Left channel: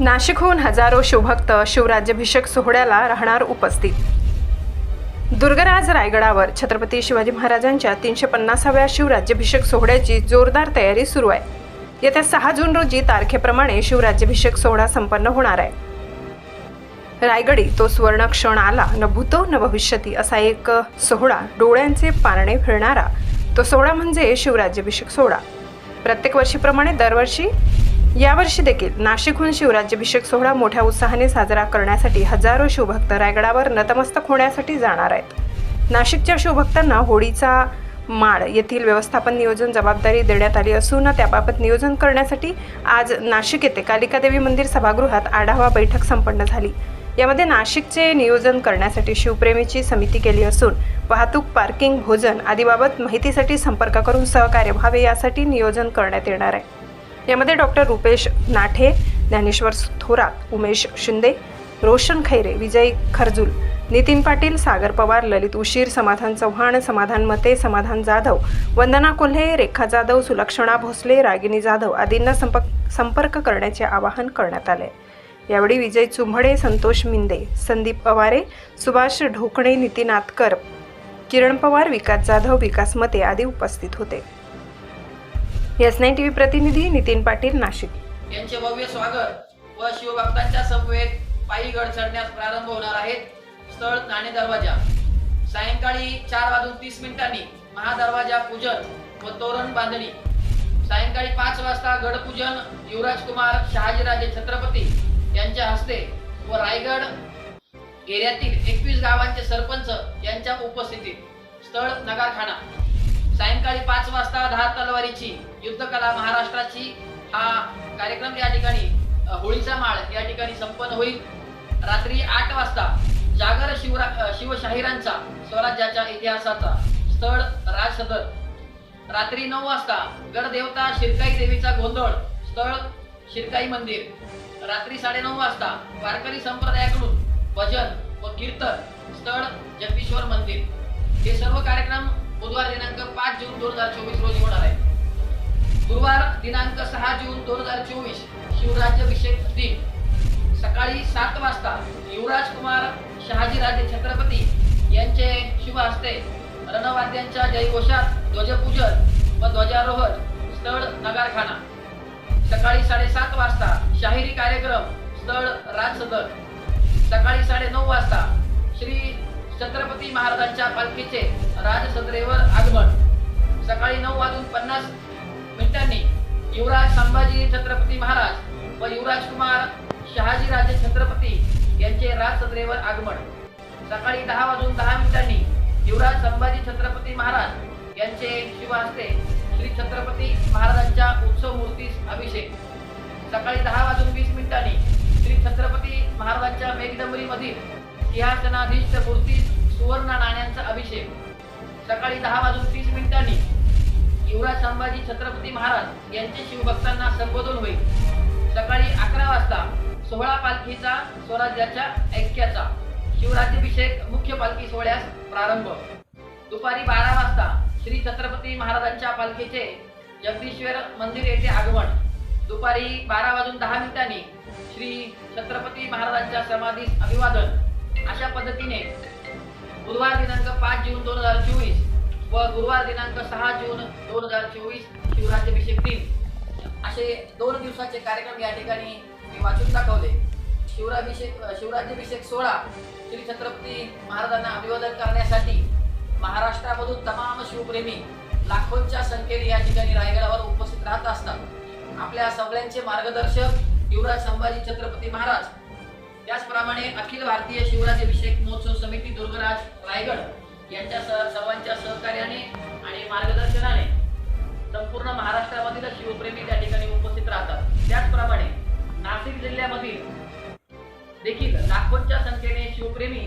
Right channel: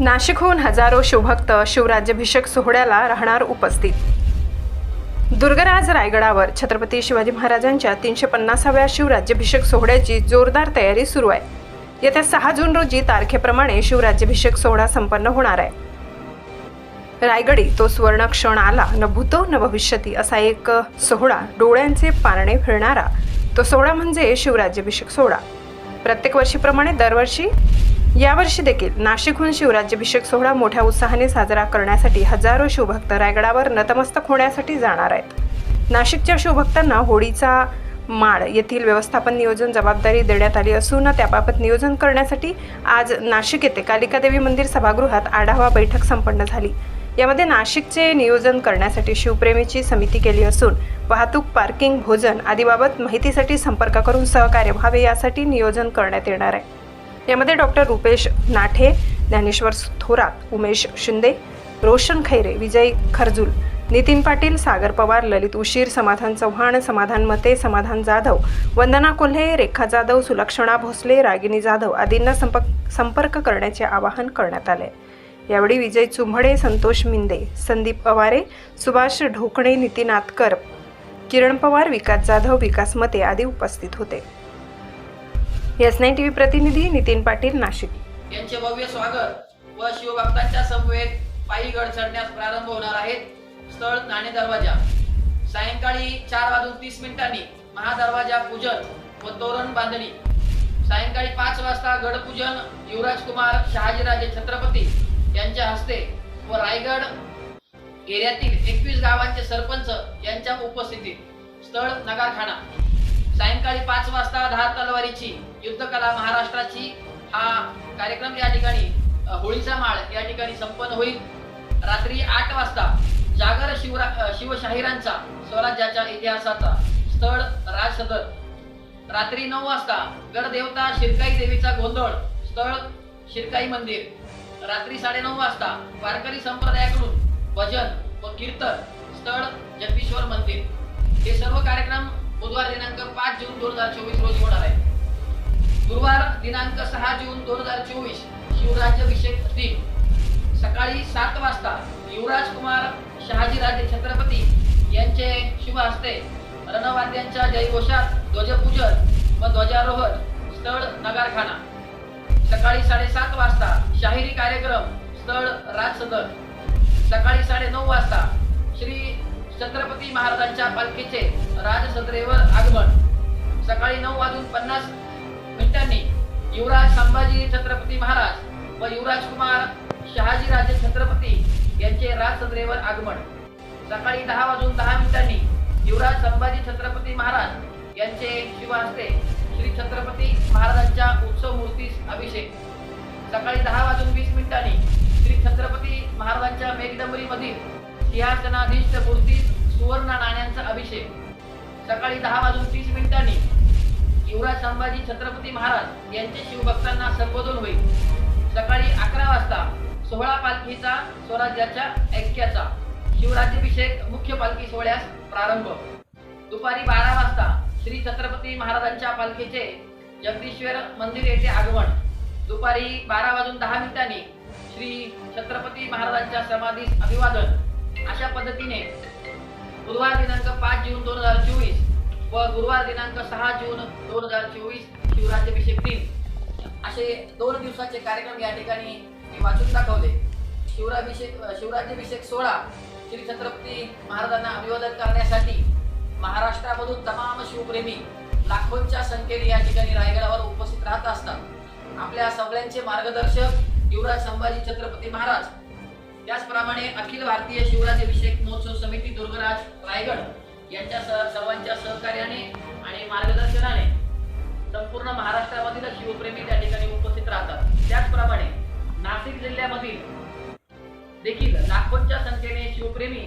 नाशिकहून हजारो शिवभक्त शिवराज्याभिषेक सोहळ्याला राहणार उपस्थित. दुर्गराज रायगडावर छत्रपती शिवाजी महाराजांच्या तीनशे पन्नासाव्या शिवराज्याभिषेक सोहळ्याची जोरदार तयारी सुरू आहे. येत्या सहा जून रोजी तारखेप्रमाणे शिवराज्याभिषेक सोहळा संपन्न होणार आहे. रायगडी तो सुवर्ण क्षण आला न भूतो न भविष्यती असा एक सोहळा डोळ्यांचे पारणे फिरणारा. तो सोहळा म्हणजे शिवराज्याभिषेक सोहळा. प्रत्येक वर्षीप्रमाणे दरवर्षी यावर्षी देखील नाशिकहून शिवराज्याभिषेक सोहळा मोठ्या उत्साहाने साजरा करण्यासाठी हजारो शिवभक्त रायगडावर नतमस्तक होण्यासाठी जाणार आहेत. नाशिकच्या शिवभक्तांना होळीचा माळ येथील व्यवस्थापन नियोजन जबाबदारी देण्यात आली असून त्याबाबत नियोजन करण्यासाठी आज नाशिक येथे कालिकादेवी मंदिर सभागृहात आढावा बैठक संपन्न झाली. यामध्ये नाशिकचे नियोजन करण्यासाठी शिवप्रेमीची समिती केली असून वाहतूक पार्किंग भोजन आदीबाबत माहितीसाठी संपर्क करून सहकार्य व्हावे यासाठी नियोजन करण्यात येणार आहे. यामध्ये डॉक्टर रुपेश नाठे ज्ञानेश्वर थोरात उमेश शिंदे रोशन खैरे विजय खरजूल नितीन पाटील सागर पवार ललित उशीर समाधान चव्हाण समाधान मते समाधान जाधव वंदना कोल्हे रेखा जाधव सुलक्षणा भोसले रागिनी जाधव आदींना संपर्क संपर्क करण्याचे आवाहन करण्यात आले. यावेळी विजय चुंभडे संतोष मिंदे संदीप अवारे सुभाष ढोकणे नितीन आतकर किरण पवार विकास जाधव विकास मते आदी उपस्थित होते. एस नाईन टी व्ही प्रतिनिधी नितीन पाटील नाशिक. यांचे भव्य स्वागत व शिवभक्तांच्या समवेत पायी गड चढण्यास प्रारंभ होणार आहेत स्थळ नाणे दरवाजा. सायंकाळी चार वाजून तीस मिनिटांनी महादरवाजा पूजन व तोरण बांधणी. सायंकाळी पाच वाजता गडपूजन युवराज कुमार शहाजीराजे छत्रपती यांच्या हस्ते व रायगड एरियातील एकवीस गावांचे सरपंच यांच्या उपस्थितीत स्थळ नगारखाना. सायंकाळी पाच वाजता दहा तलवारीची युद्धकला महाराष्ट्राची हा कार्यक्रम या ठिकाणी होळीचा माळ या ठिकाणी संपन्न होईल. रात्री आठ वाजता जागर शिवरा शिवशाहिरांचा स्वराज्याच्या इतिहासाचा स्थळ राजसदर रात्री नऊ वाजता गडदेवता शिरकाई देवीचा गोंधळ स्थळ शिरकाई मंदिर. रात्री साडेनऊ वाजता वारकरी संप्रदायाकडून भजन व कीर्तन स्थळ जगदीश्वर मंदिर. हे सर्व कार्यक्रम बुधवार दिनांक पाच जून दोन हजार चोवीस रोजी होणार आहे. गुरुवार दिनांक सहा जून दोन हजार चोवीस शिवराज्याभिषेक दिन. सकाळी सात वाजता युवराज कुमार शहाजीराजे छत्रपती यांचे शुभ हस्ते रणवाद्यांच्या जयघोषात ध्वजपूजन व ध्वजारोहण स्थळ नगारखाना. सकाळी साडेसात वाजता शाहिरी कार्यक्रम स्थळ राजसदन. सकाळी साडेनऊ वाजता श्री छत्रपती महाराजांच्या पालखीचे राजसदरेवर आगमन. सकाळी नऊ वाजून पन्नास मिनिटांनी युवराज संभाजी छत्रपती महाराज व युवराज कुमार शहाजीराजे छत्रपती यांचे राजसदरेवर आगमन. सकाळी दहा वाजून दहा मिनिटांनी युवराज संभाजी छत्रपती महाराज यांचे शुभ श्री छत्रपती महाराजांच्या उत्सव मूर्तीस अभिषेक. सकाळी दहा वाजून वीस मिनिटांनी श्री छत्रपती महाराजांच्या मेघडंबरीमधील सिंहासनाधीष्ट मूर्तीस सुवर्ण नाण्यांचा अभिषेक. सकाळी दहा वाजून तीस मिनिटांनी युवराज संभाजी छत्रपती महाराज यांचे शिवभक्तांना संबोधन होईल. सकाळी अकरा वाजता सोहळा पालखीचा स्वराज्याच्या ऐक्याचा शिवराज्याभिषेक मुख्य पालखी सोहळ्यास प्रारंभ. दुपारी बारा वाजता श्री छत्रपती महाराजांच्या पालखीचे जगदीश्वर मंदिर येथे आगमन. दुपारी बारा वाजून दहा मिनिटांनी श्री छत्रपती महाराजांच्या समाधीस अभिवादन. अशा पद्धतीने बुधवार दिनांक पाच जून दोन हजार चोवीस व गुरुवार दिनांक सहा जून दोन हजार चोवीस शिवराज्याभिषेक दिन असे दोन दिवसाचे कार्यक्रम या ठिकाणी मी वाचून दाखवले. शिवराभिषेक शिवराज्याभिषेक सोहळा श्री छत्रपती महाराजांना अभिवादन करण्यासाठी महाराष्ट्रामधून तमाम शिवप्रेमी लाखोंच्या संख्येने या ठिकाणी रायगडावर उपस्थित राहत असतात. आपल्या सगळ्यांचे मार्गदर्शक युवराज संभाजी छत्रपती महाराज त्याचप्रमाणे अखिल भारतीय शिवराज्याभिषेक महोत्सव समिती दुर्गराज रायगड यांच्या सर्वांच्या सहकार्याने आणि मार्गदर्शनाने संपूर्ण महाराष्ट्रामधील शिवप्रेमी त्या ठिकाणी उपस्थित राहतात. त्याचप्रमाणे नाशिक जिल्ह्यामधील देखील लाखोंच्या संख्येने शिवप्रेमी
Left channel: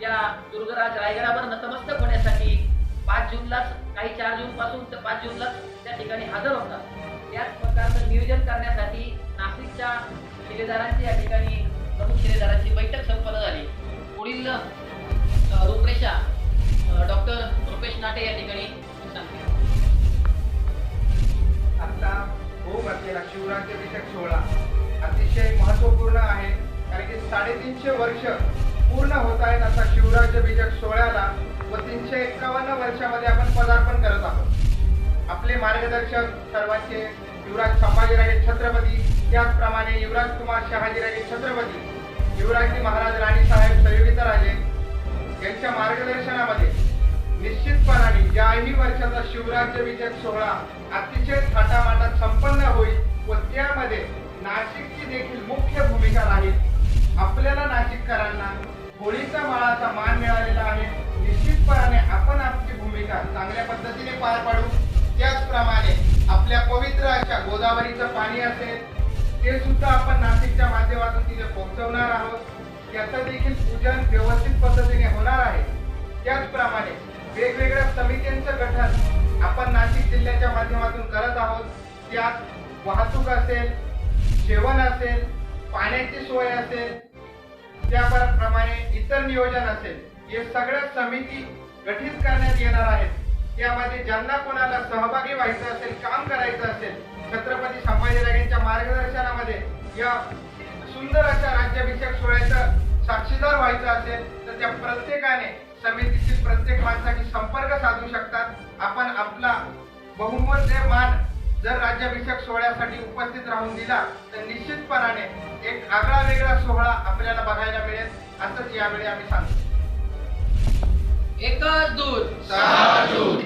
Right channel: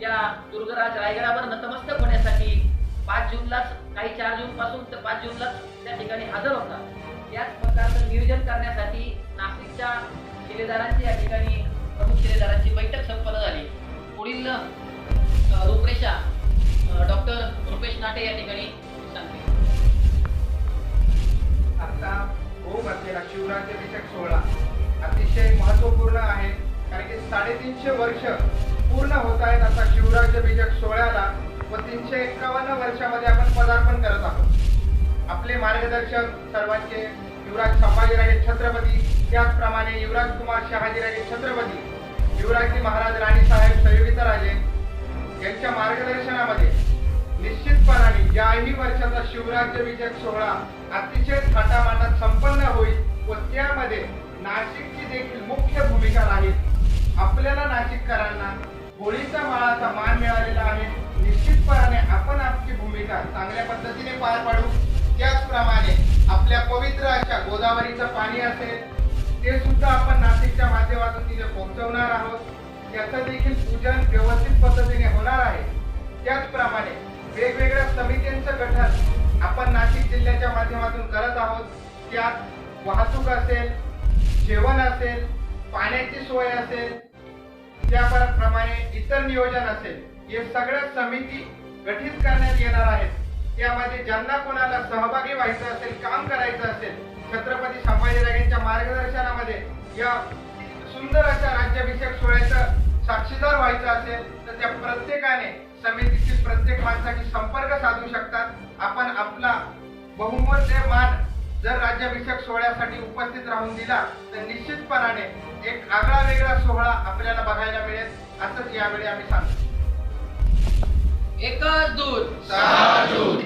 त्या दुर्गराज रायगडावर नतमस्तक होण्यासाठी पाच जूनलाच काही चार जून पासून तर पाच जूनलाच त्या ठिकाणी हजर होतात. त्याच प्रकारचं नियोजन करण्यासाठी नाशिकच्या शिलेदारांची या ठिकाणी प्रमुख शिलेदारांची बैठक संपन्न झाली. पुढील रूपरेषा डॉक्टर रुपेश नाटे या ठिकाणी सांगते. आता होऊ घातलेला शिवराज्याभिषेक सोहळा अतिशय महत्त्वपूर्ण आहे. कारण की साडेतीनशे वर्ष पूर्ण होत आहेत असा शिवराज्याभिषेक सोहळ्याला व तीनशे एक्कावन्न वर्षामध्ये आपण पदार्पण करत आहोत. आपले मार्गदर्शक सर्वांचे युवराज संभाजीराजे छत्रपती त्याचप्रमाणे युवराज कुमार शहाजीराजे छत्रपती युवराजी महाराज राणीसाहेब संयोगिताराजे यांच्या मार्गदर्शनामध्ये निश्चितपणाने याही वर्षाचा शिवराज्याभिषेक सोहळा अतिशय थाटामाटात संपन्न होईल व त्यामध्ये नाशिकची देखील मुख्य भूमिका राहील. आपल्याला नाशिककरांना होळीचा माळाचा मान मिळालेला आहे. निश्चितपणाने आपण आपली भूमिका चांगल्या पद्धतीने पार पाडू. त्याचप्रमाणे आपल्या पवित्र अशा गोदावरीचं पाणी असेल ते सुद्धा आपण नाशिकच्या माध्यमातून तिथे पोहोचवणार आहोत. याचं देखील पूजन व्यवस्थित पद्धतीने होणार आहे. त्याचप्रमाणे वेगवेगळ्या समित्यांचं गठन आपण नाशिक जिल्ह्याच्या माध्यमातून करत आहोत. त्यात वाहतूक असेल जेवण असेल पाण्याची सोय असेल त्याप्रमाणे इतर नियोजन असेल हे सगळ्या समिती गठीत करण्यात येणार आहेत. त्यामध्ये ज्यांना कोणाला सहभागी व्हायचं असेल काम करायचं असेल छत्रपती संभाजीराजेंच्या मार्गदर्शनामध्ये या सुंदर अशा राज्याभिषेक सोहळ्याचं साक्षीदार व्हायचं असेल तर त्या प्रत्येकाने समितीतील प्रत्येक माणसाशी संपर्क साधू शकतात. आपण आपला बहुमूल्य मान जर राज्याभिषेक सोहळ्यासाठी उपस्थित राहून दिला तर निश्चितपणाने एक आगळा वेगळा सोहळा आपल्याला बघायला मिळेल असंच यावेळी आम्ही सांगतो. एकच दूध